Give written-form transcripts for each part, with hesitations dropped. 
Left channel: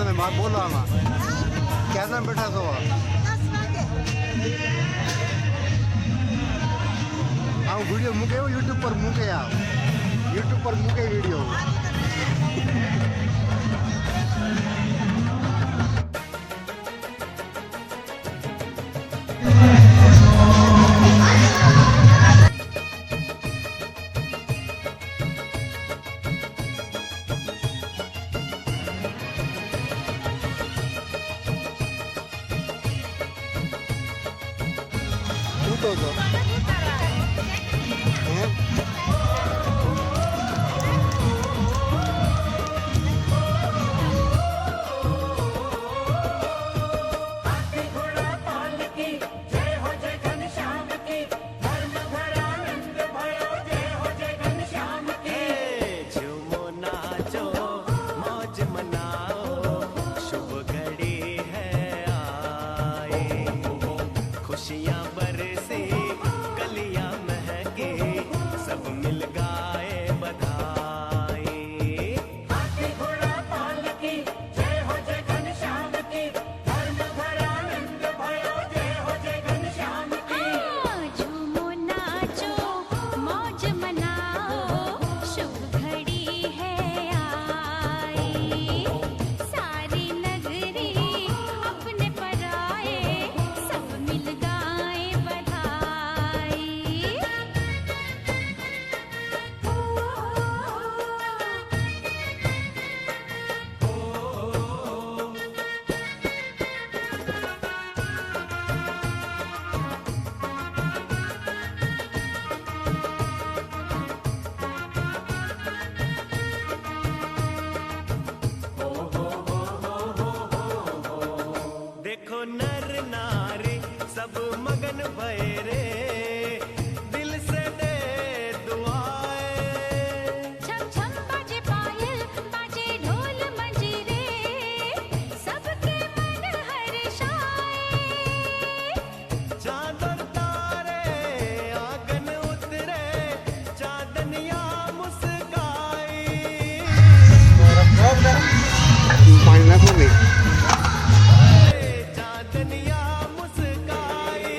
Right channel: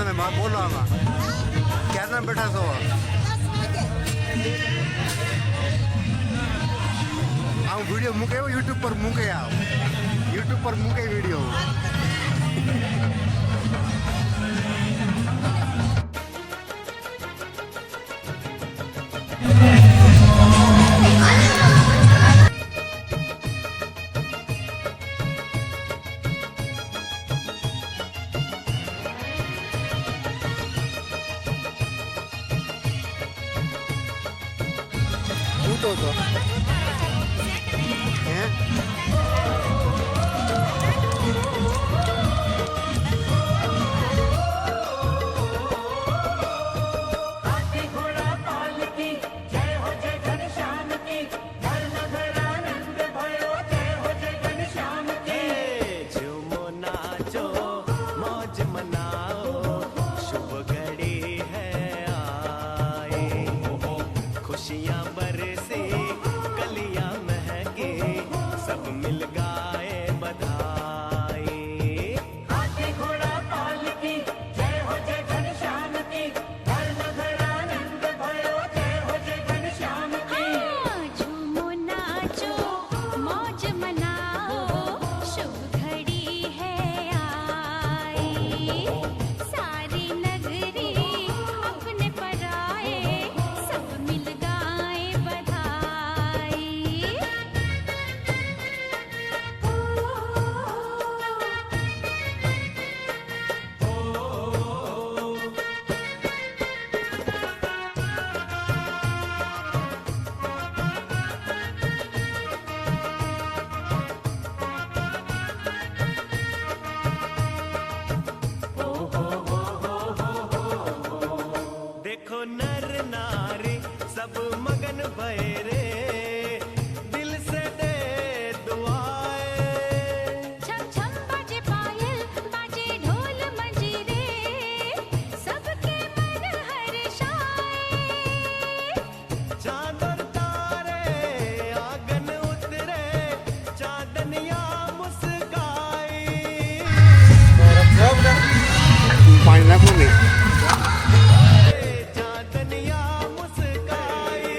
તમે બોલો આમાં ક્યારના બેઠા છો આ વિડીયો મૂકે યુટ્યુબ પર મૂકે યુટ્યુબ પર મૂકે વિડીયો તો હે झूमो नाचो मौज मनाओ शुभ घड़ी है आए खुशियाँ बरसे कलियाँ महके सब मिल गाए बधाई हाँ, झूमो नाचो मौज मनाओ शुभ घड़ी है आई सारी नगरी अपने पर आए सब मिल गाए बधाई देखो नर नारी सब मगन भय रे दिल से दे दुआएं छम छम बाजे पायल बाजे ढोल मंजीरे सबके मन हर्षाए चांद और तारे आंगन उतरे चांदनिया मुस्काई પાણી નાખો નહીં चांदनिया मुस्काई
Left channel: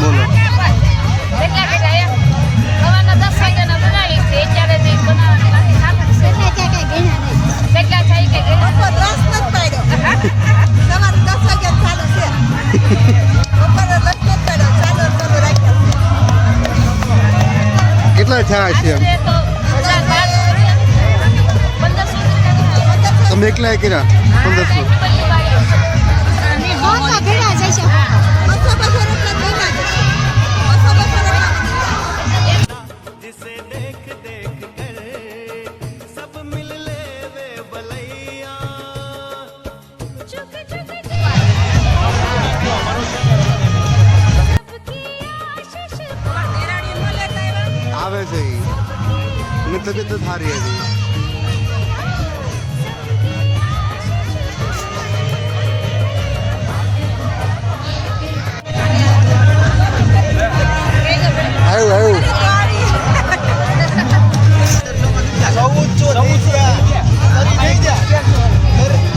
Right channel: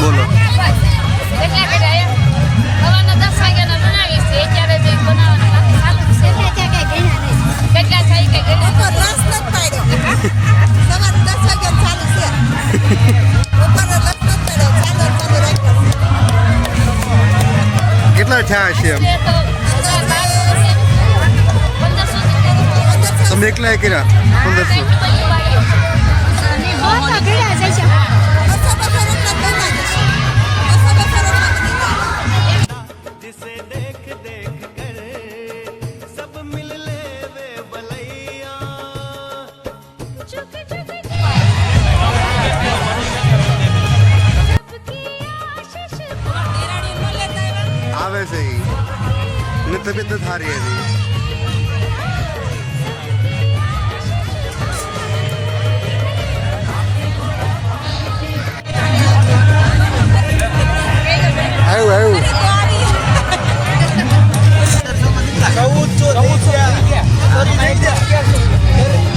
બોલો કેટલા કર્યા એમ સવારના 10 વાગ્યાના બનાવી છે અત્યારે જે બનાવવાના બાકી ચાલુ છે કેટલા થાય કે ઉપર રસ નથી પાડ્યો સવારે 10 વાગે ચાલુ છે ઉપર રસ નથી પાડ્યો ચાલુ રાખ્યા કેટલા થયા છે એમ તો 1500 તમે એકલા કર્યા 1500 जिसे देख देख कर सब मिल ले वे बलैया चुक चुक सबकी आशीष આવે છે ઈ ને તબિયત સારી હતી આવ્યું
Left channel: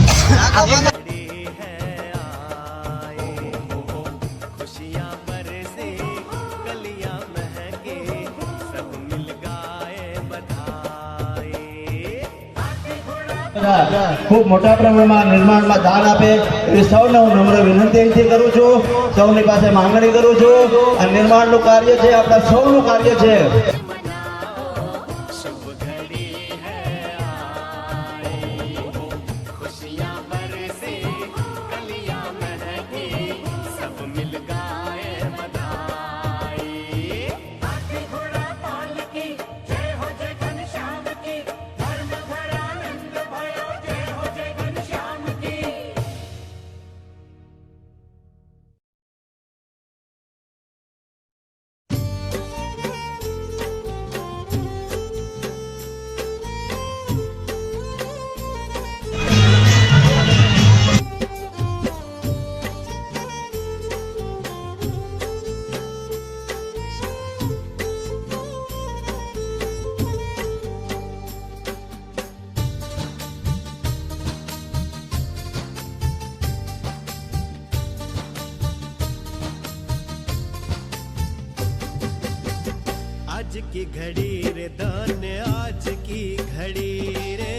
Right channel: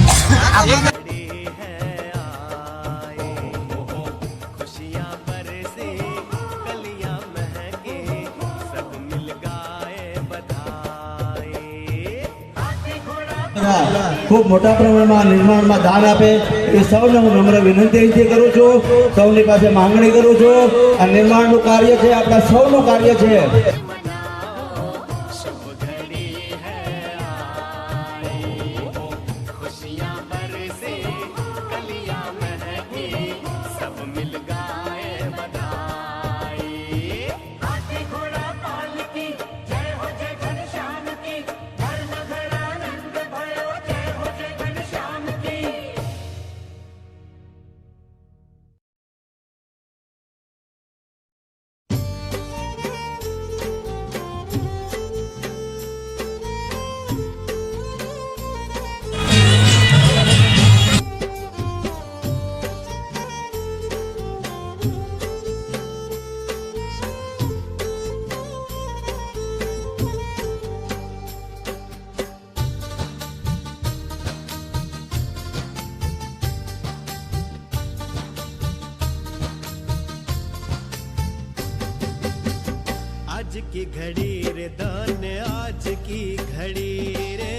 घड़ी है आए खुशियाँ बरसे कलियाँ महके सब मिल गाए बधाई ખૂબ મોટા પ્રમાણમાં નિર્માણમાં દાન આપે એ સૌને હું નમ્ર વિનંતી અહીંથી કરું છું સૌની પાસે માંગણી કરું છું આ નિર્માણનું કાર્ય છે આપણા સૌનું કાર્ય છે मनाओ शुभ घड़ी है आई खुशियाँ बरसे कलियाँ महके सब मिल गाए बधाई आज की घड़ी रे धन आज की घड़ी रे,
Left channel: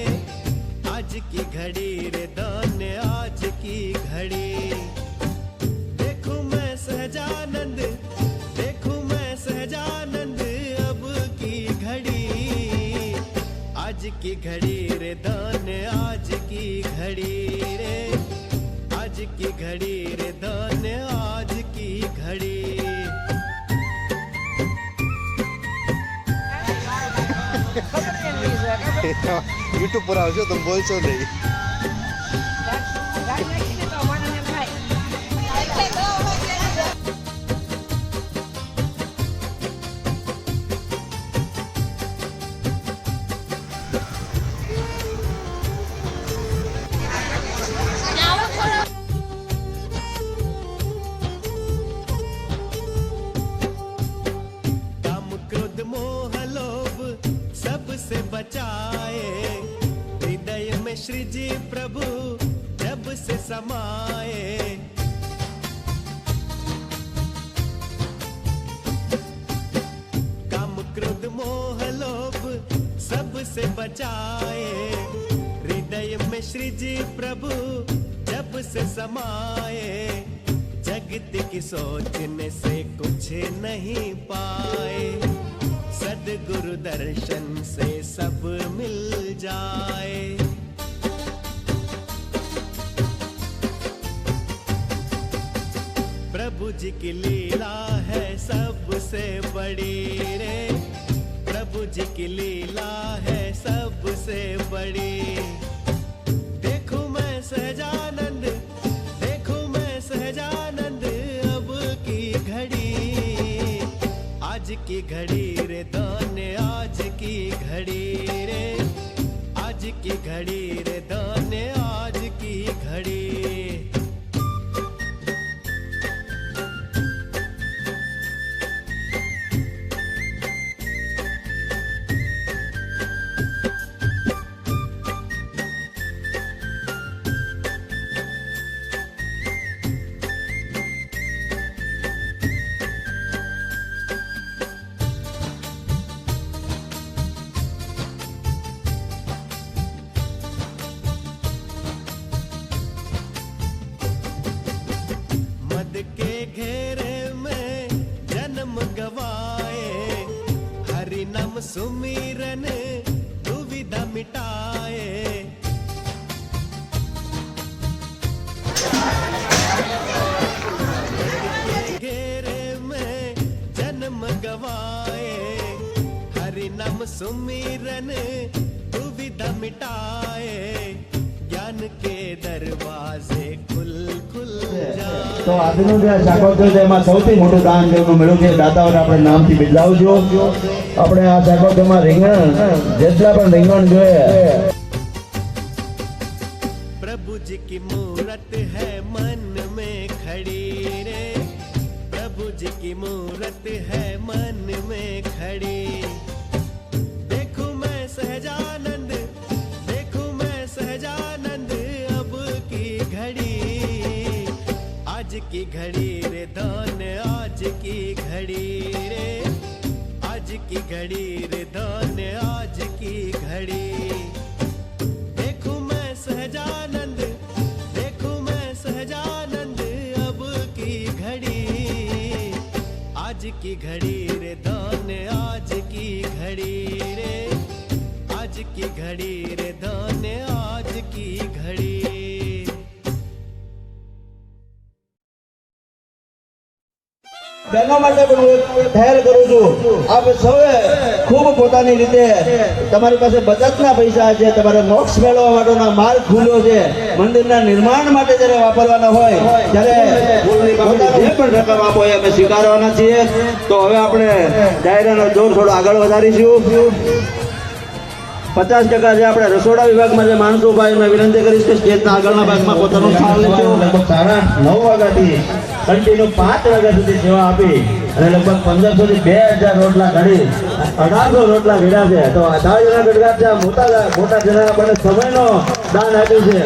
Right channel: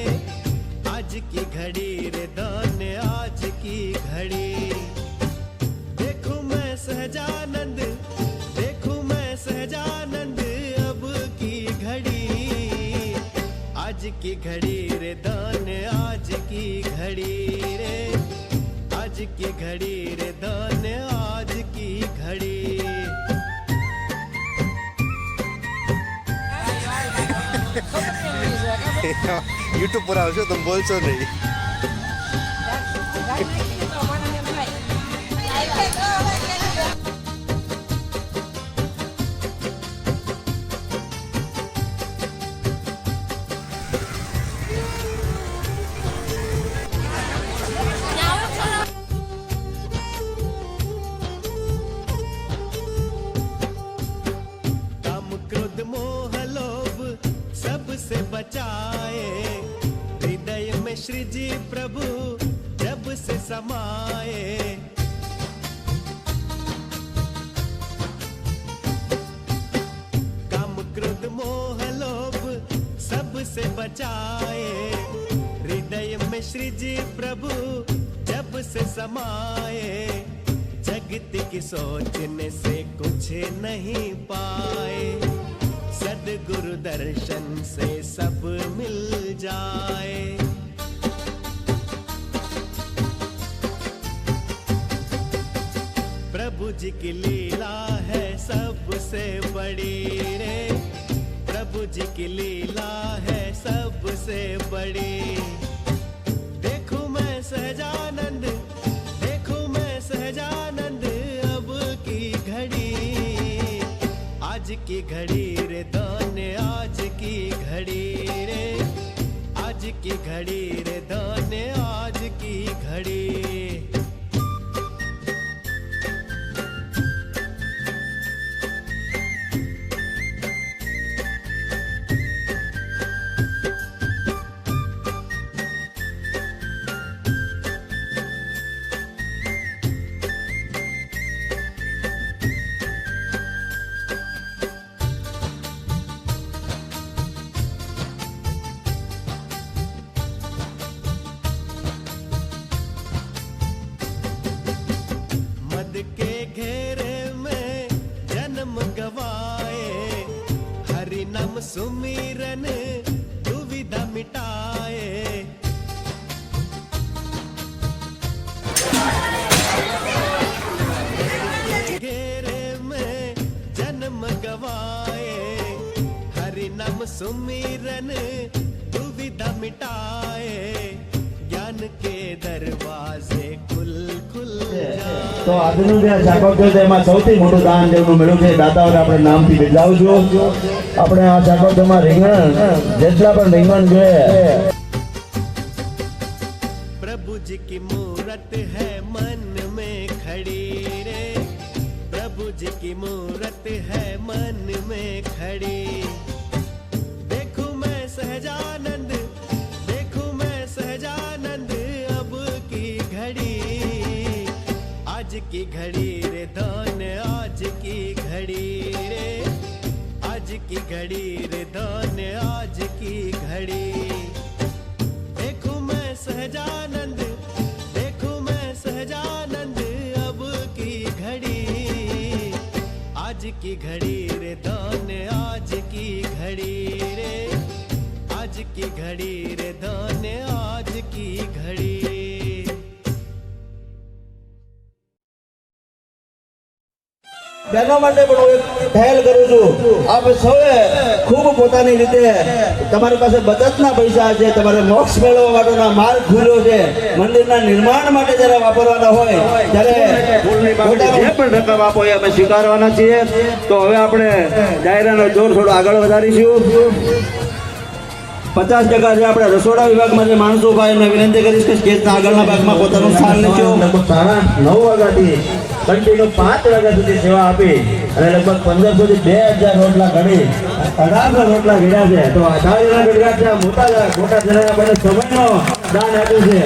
आज की घड़ी रे धन आज की घड़ी। देखूं मैं सहजानंद, देखूं मैं सहजानंद अब की घड़ी। आज की घड़ी रे धन आज की घड़ी रे, आज की घड़ी रे धन आज की घड़ी। યુટ્યુબ પર આવશો તમે બોલશો નહીં. काम क्रोध मोह लोभ सबसे बचाए, हृदय में श्री जी प्रभु जब से समाए। काम क्रोध मोह लोभ सबसे बचाए, हृदय में श्री जी प्रभु जब से समाए। जगत की सोचने से कुछ नहीं पाए, सदगुरु दर्शन से सब मिल जाए। प्रभु जी की लीला है सबसे बड़ी रे, प्रभु जी की लीला है सबसे बड़ी। देखूं मैं सहजानंद, देखूं मैं सहजानंद अब की घड़ी। आज की घड़ी रे धन आज की घड़ी रे, आज की घड़ी रे धन आज की घड़ी। मद के घेरे में जन्म गवाए, हरि नाम सुमिरन दुविधा मिटाए। घेरे में जन्म गवाए, हरि नाम सुमिरन दुविधा मिटाए। ज्ञान के दरवाजे खुल खुल जाए। તો આજનું જે શાકોત્સવ છે એમાં સૌથી મોટું દાન જેનું મળ્યું છે દાતાઓને આપણે નામથી બિરદાવજો. આપણે આ શાકોત્સવમાં રીંગણ જેટલા પણ રીંગણ છે प्रभु जी की मूरत है मन में खड़ी रे, प्रभु जी की मूरत है मन में खड़ी। देखूं मैं सहजानंद, देखूं मैं सहजानंद अब की घड़ी। आज की घड़ी रे धन आज की घड़ी रे, आज की घड़ी रे धन आज की घड़ी। देखूं मैं सहजानंद, देखूं मैं सहजानंद अब की घड़ी। आज की घड़ी रे धन आज की घड़ी रे, आज की घड़ी रे धन आज की घड़ी। બહેનો માટે પણ હું એક પહેલ કરું છું. આપ સૌએ ખૂબ પોતાની રીતે તમારી પાસે બચતના પૈસા છે, તમારે મોક્ષ મેળવવા માટેના માર્ગ ખુલ્યો છે, મંદિરના નિર્માણ માટે જ્યારે વાપરવાના હોય ત્યારે પોતાનો જે પણ રકમ આપો એ અમે સ્વીકારવાના છીએ. તો હવે આપણે ડાયરાનો દોર થોડો આગળ વધારીશું. 50% જે આપણે રસોડા વિભાગમાં જે માણસો ઉભા એમને વિનંતી કરીશ કે સ્ટેજના આગળના ભાગમાં પોતાનું સ્થાન લેજો. લગભગ 9 વાગ્યાથી કન્ટિન્યુ 5 વાગ્યા સુધી સેવા આપી અને લગભગ 1500 થી 2000 રોટલા ઘડી 1800 રોટલા ઘડ્યા છે. તો 1800 ઘડ્યા છે. મોટા જણાના બને સમયનો દાન આપ્યું છે.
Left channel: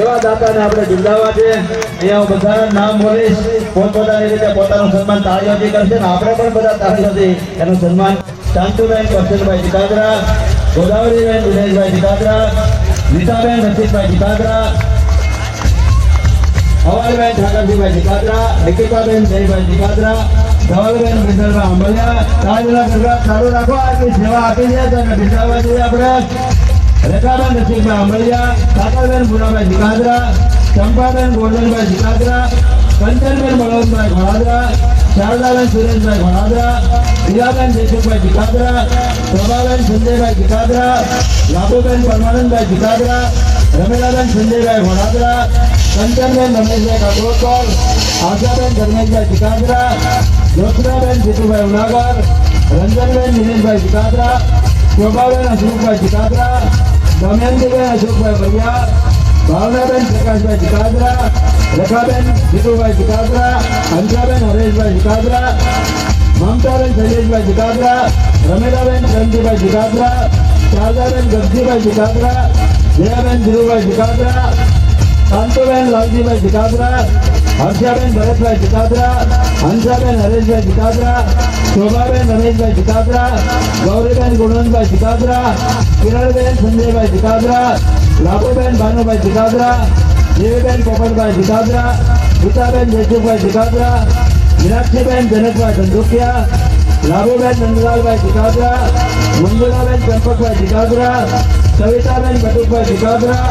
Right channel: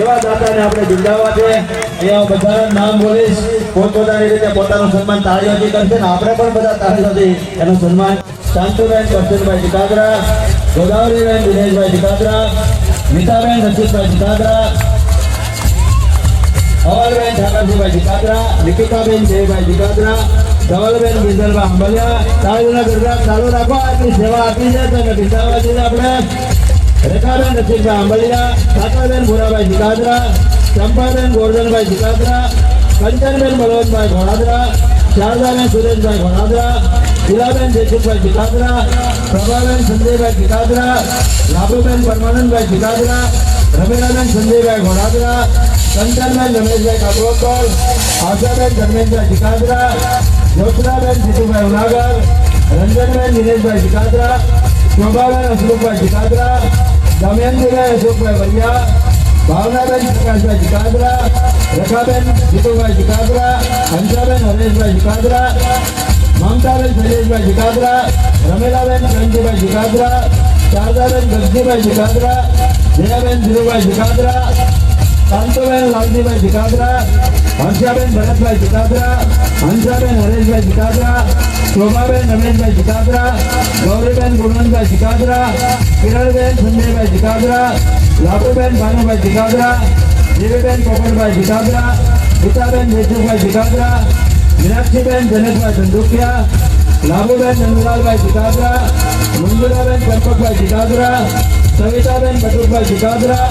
એવા દાતાને આપણે બિરદાવવા છે. અહીંયા હું બધાના નામ બોલીશ, પોતપોતાની રીતે પોતાનું સન્માન તાળીઓથી કરશે ને આપણે પણ બધા તાળીઓથી એનું સન્માન શાંતુબેન કરશનભાઈ જીતાદરા, ગોદાવરીબેન દિનેશભાઈ જીતાદરા, મીઠાબેન રસિકભાઈ જીતાદરા, અમરબેન ઠાકરજીભાઈ જીતાદરા, નિકિતાબેન જયભાઈ જીતાદરા, ધવલબેન બિંદલભાઈ આંબલિયા. ચાલુના ગરબા ચાલુ રાખો. આટલી સેવા આપી છે તેને બિંદાવવા જોઈએ આપણે. રેખાબેન રસિકભાઈ આંબલિયા, સાકાબેન ભુરાભાઈ જીતાદરા, ચંપાબેન ગોરધનભાઈ જીતાદરા, કંચનબેન બળવંતભાઈ ઘોડાદરા, શારદાબેન સુરેશભાઈ ઘોડાદરા, હીરાબેન જયસુખભાઈ જીતાદરા, પ્રભાબેન સંજયભાઈ જીતાદરા, લાભુબેન પરમાનંદભાઈ જીતાદરા, રમીલાબેન સંજયભાઈ ઘોડાદરા, કંચનબેન રમેશભાઈ કાટોકર, આશાબેન ધર્મેશભાઈ જીતાદરા, જ્યોત્સનાબેન જીતુભાઈ ઉનાગર, રંજનબેન દિનેશભાઈ જીતાદરા, શોભાબેન અશોકભાઈ જીતાદરા, દમયંતીબેન અશોકભાઈ વરિયા, ભાવનાબેન પ્રકાશભાઈ જીતાદરા, રેખાબેન જીતુભાઈ જીતાદરા, હંસાબેન હરેશભાઈ જીતાદરા, મમતાબેન શૈલેષભાઈ જીતાદરા, રમીલાબેન રંજીભાઈ જીતાદરા, શારદાબેન ગગજીભાઈ જીતાદરા, જયાબેન ધીરુભાઈ જીતાદરા, શાંતુબેન લાલજીભાઈ જીતાદરા, હર્ષાબેન ભરતભાઈ જીતાદરા, હંસાબેન હરેશભાઈ જીતાદરા, શોભાબેન રમેશભાઈ જીતાદરા, ગૌરીબેન ગુણવંતભાઈ જીતાદરા, કિરણબેન સંજયભાઈ જીતાદરા, લાભુબેન ભાનુભાઈ જીતાદરા, જીવીબેન પોપટભાઈ જીતાદરા, ગીતાબેન જયસુખભાઈ જીતાદરા, મીનાક્ષીબેન જનેશભાઈ ધંધુકિયા, લાભુબેન નંદલાલભાઈ જીતાદરા, મંજુલાબેન ચંપકભાઈ જીતાદરા, સવિતાબેન બટુકભાઈ જીતાદરા,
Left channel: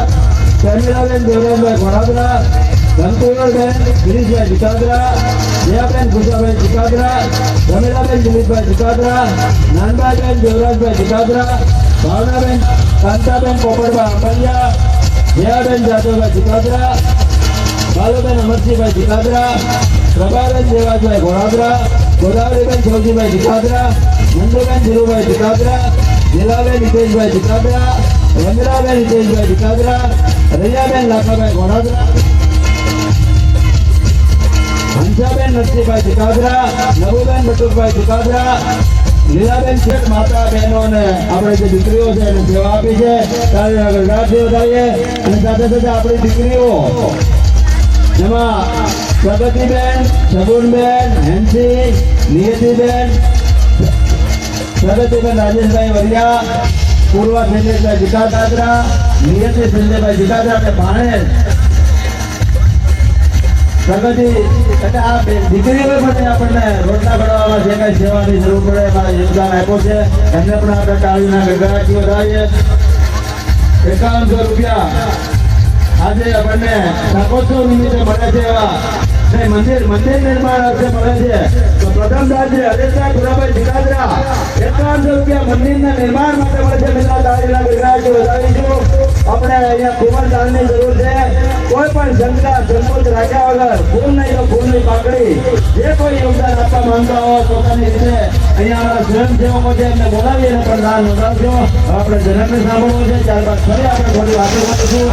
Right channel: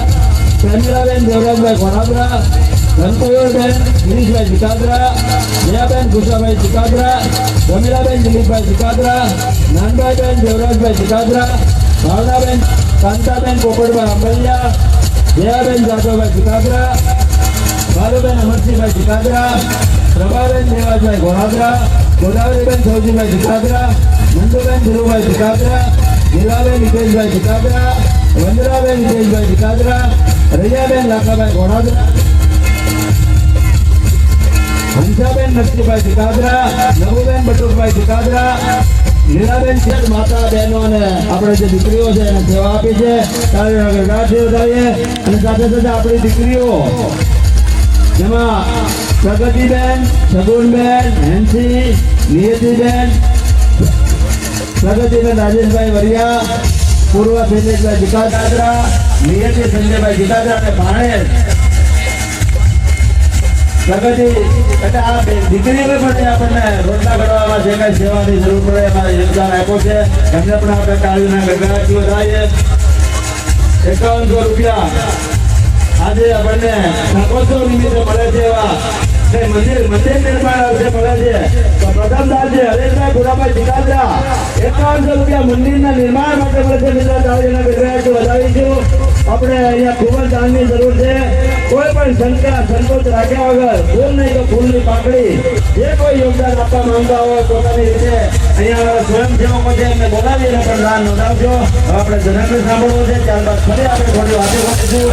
શર્મિલાબેન દેવરાજભાઈ ઘોડાદરા, ધનકુવરબેન ગિરીશભાઈ જીતાદરા, જયાબેન ભૂષાભાઈ જીતાદરા, રમીલાબેન દિલીપભાઈ જીતાદરા, નાનભાઈબેન દેવરાજભાઈ જીતાદરા, ભાવનાબેન કાંતાબેન પોપટભાઈ આંબલિયા, જયાબેન જાદવભાઈ જીતાદરા, બાલુબેન અમરસિંહભાઈ જીતાદરા, પ્રભાબેન દેવાજભાઈ ઘોડાદરા, ગોદાવરીબેન સૌજીભાઈ જીતાદરા, નંદુબેન ધીરુભાઈ જીતાદરા, લીલાબેન હિતેશભાઈ જીતાદરા, રમીલાબેન હિતેશભાઈ જીતાદરા, રૈયાબેન લાખાભાઈ ઘોડાદરા, હંસાબેન નરસિંહભાઈ જીતાદરા, નવુબેન બટુકભાઈ જીતાદરા, લીલાબેન માતા બહેનો અને આપણે જે દીકરીઓ છે એને સેવા આપી છે. તાળી આગળ ગાંઠી વધારીએ અને સાથે સાથે આપણી દીકરીઓ જેમાં પ્રગતિબેન, સગુનબેન, હેન્સી, નિયતિબેન, પ્રગતિબેન રાજેશભાઈ વરિયા, પૂર્વ શૈલેષભાઈ જીતાદરા, નિયતિ સંજયભાઈ જીતાદરા અને ભાણેજ પ્રગતિ. એટલે આ દીકરીઓને પણ આપણને રોટલા ઘડવામાં જે કઈ સેવાની જરૂર પડે એમાં યોગદાન આપ્યું છે. એમને પણ આપણે તાળીના ગગડાટીઓ થાય. 5100 રૂપિયા આજે આપણને શાકોત્સવ નિમિત્તે મળે છે. એવા કે મંદિર નિર્માણ અર્થે મળે છે. પ્રધાનદારજી હરેશભાઈ ભુરાભાઈ જીતાદરા 5100 રૂપિયા મંદિરના નિર્માણ માટે મળે છે. બીજા તાળીના ગગડાટીઓ વધારીશું. આપણે અહીંયા ખૂબ જ દાનની જરૂર છે. કોઈ પણ શંકા સંકોચ રાખ્યા વગર ફૂલ નહીં તો ફૂલની પાકડી જે કોઈ યોગદાન આપવા માંગતા હોય પોતાની રીતે અહીંયા અમારા સ્વયંસેવકો છે એમને બોલાવીને પણ દાન નોંધાવશો. હવે આપણે જનકને સાંભળવું છે. ત્યારબાદ ફરી આપણે થોડી વાતો કરીશું.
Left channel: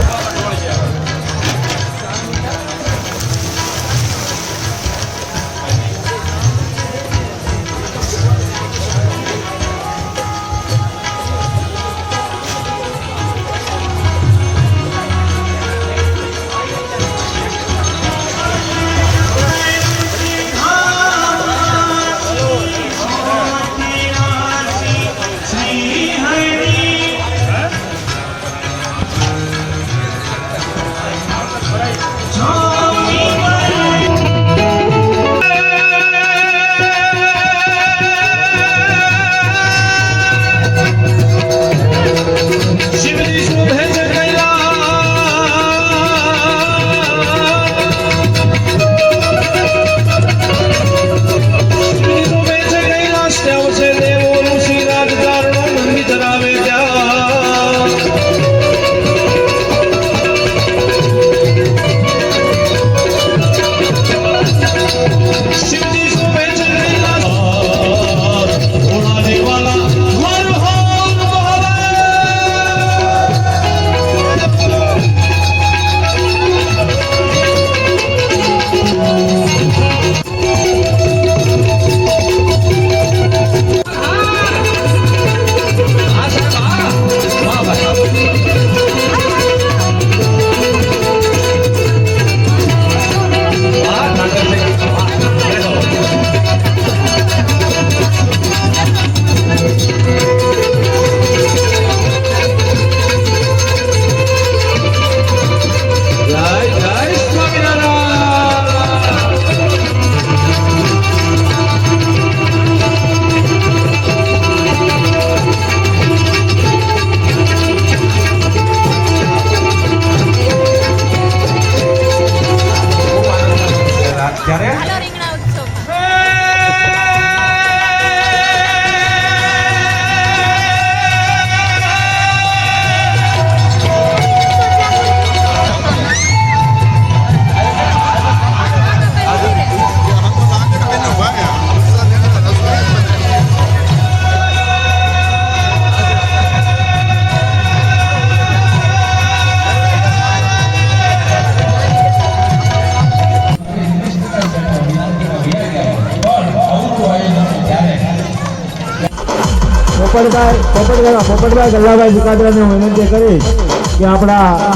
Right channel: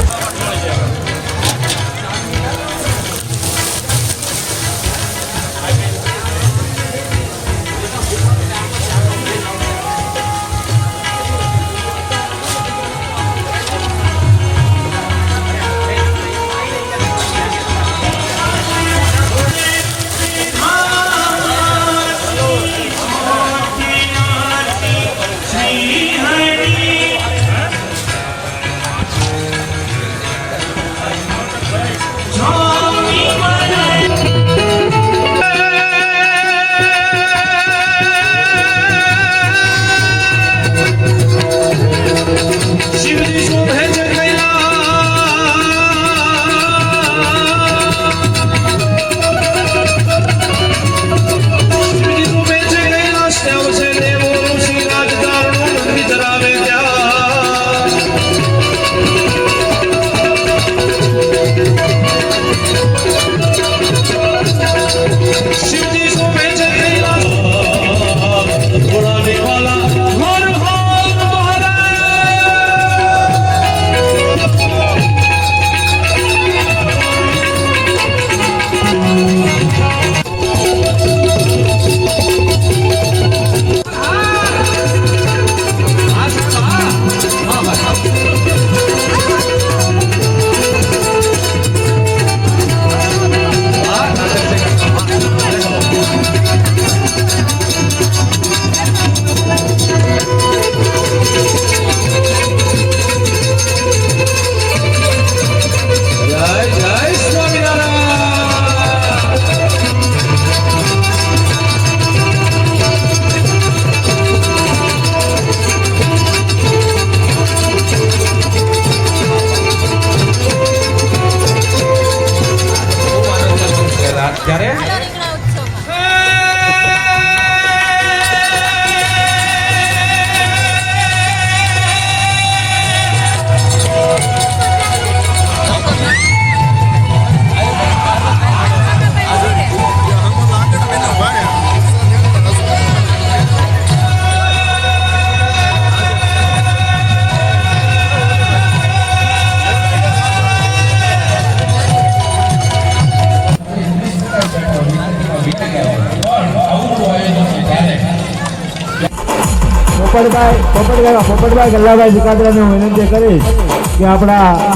પોપટભાઈ ગલ્લાભાઈ સિકાદરાને વિનંતી કરીશ કે આપણા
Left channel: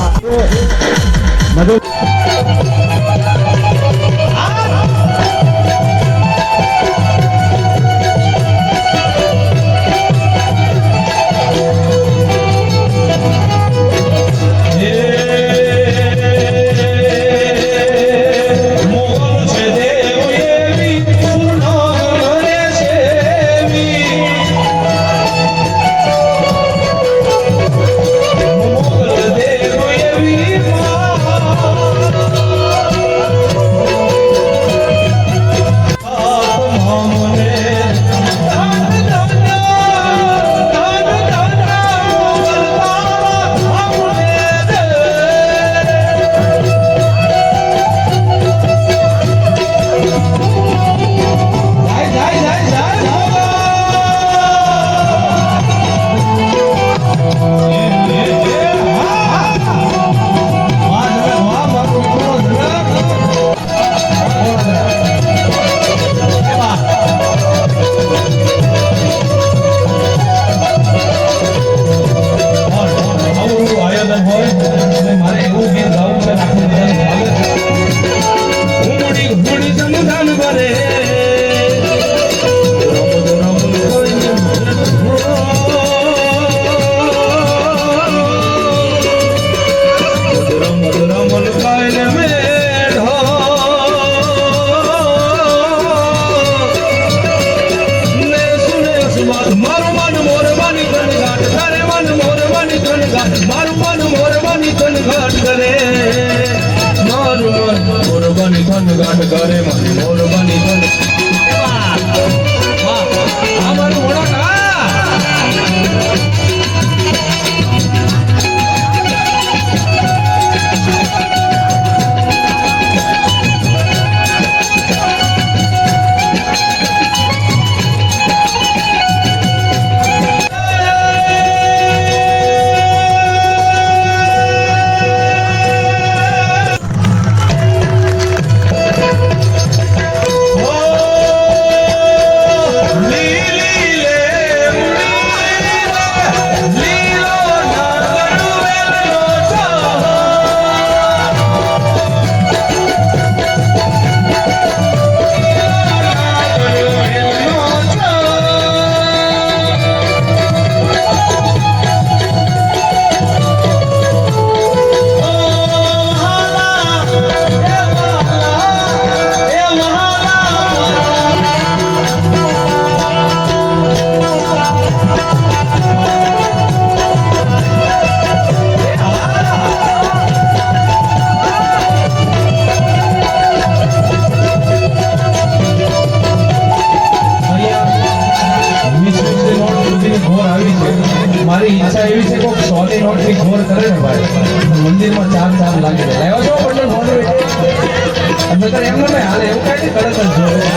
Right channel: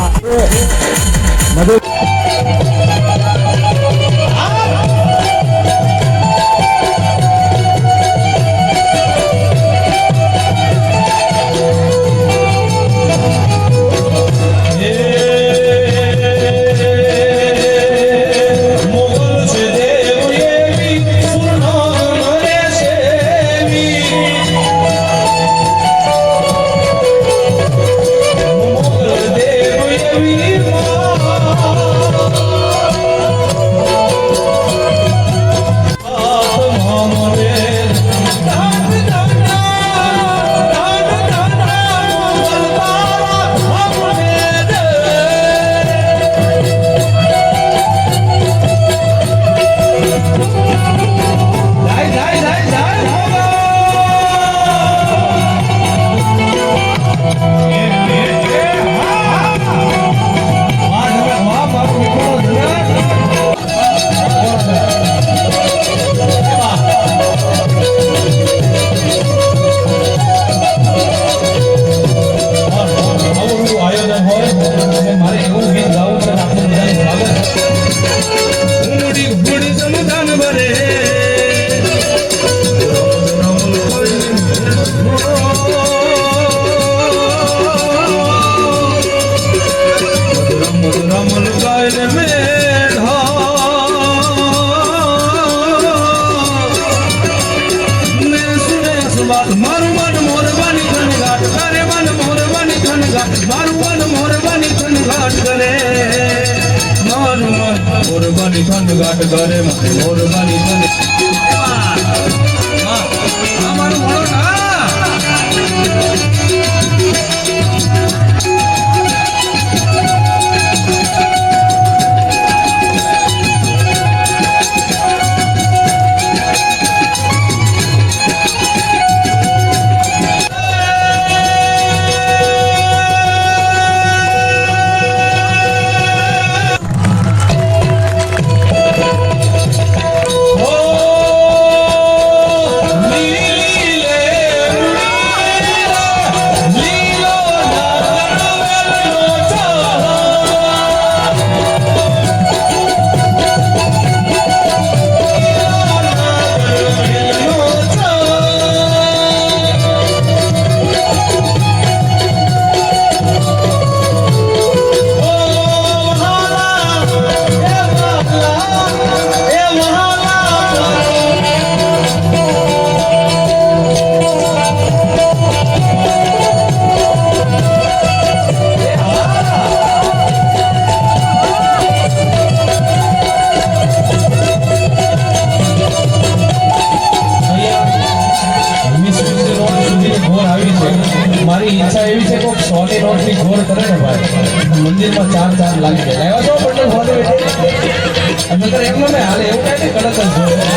મંદિરમાં ચાર લાગી જાય એવા જો પટેલ ફોન બેઠે અંદર એમ મને હાલે એવું કઈ કડક જ જોવે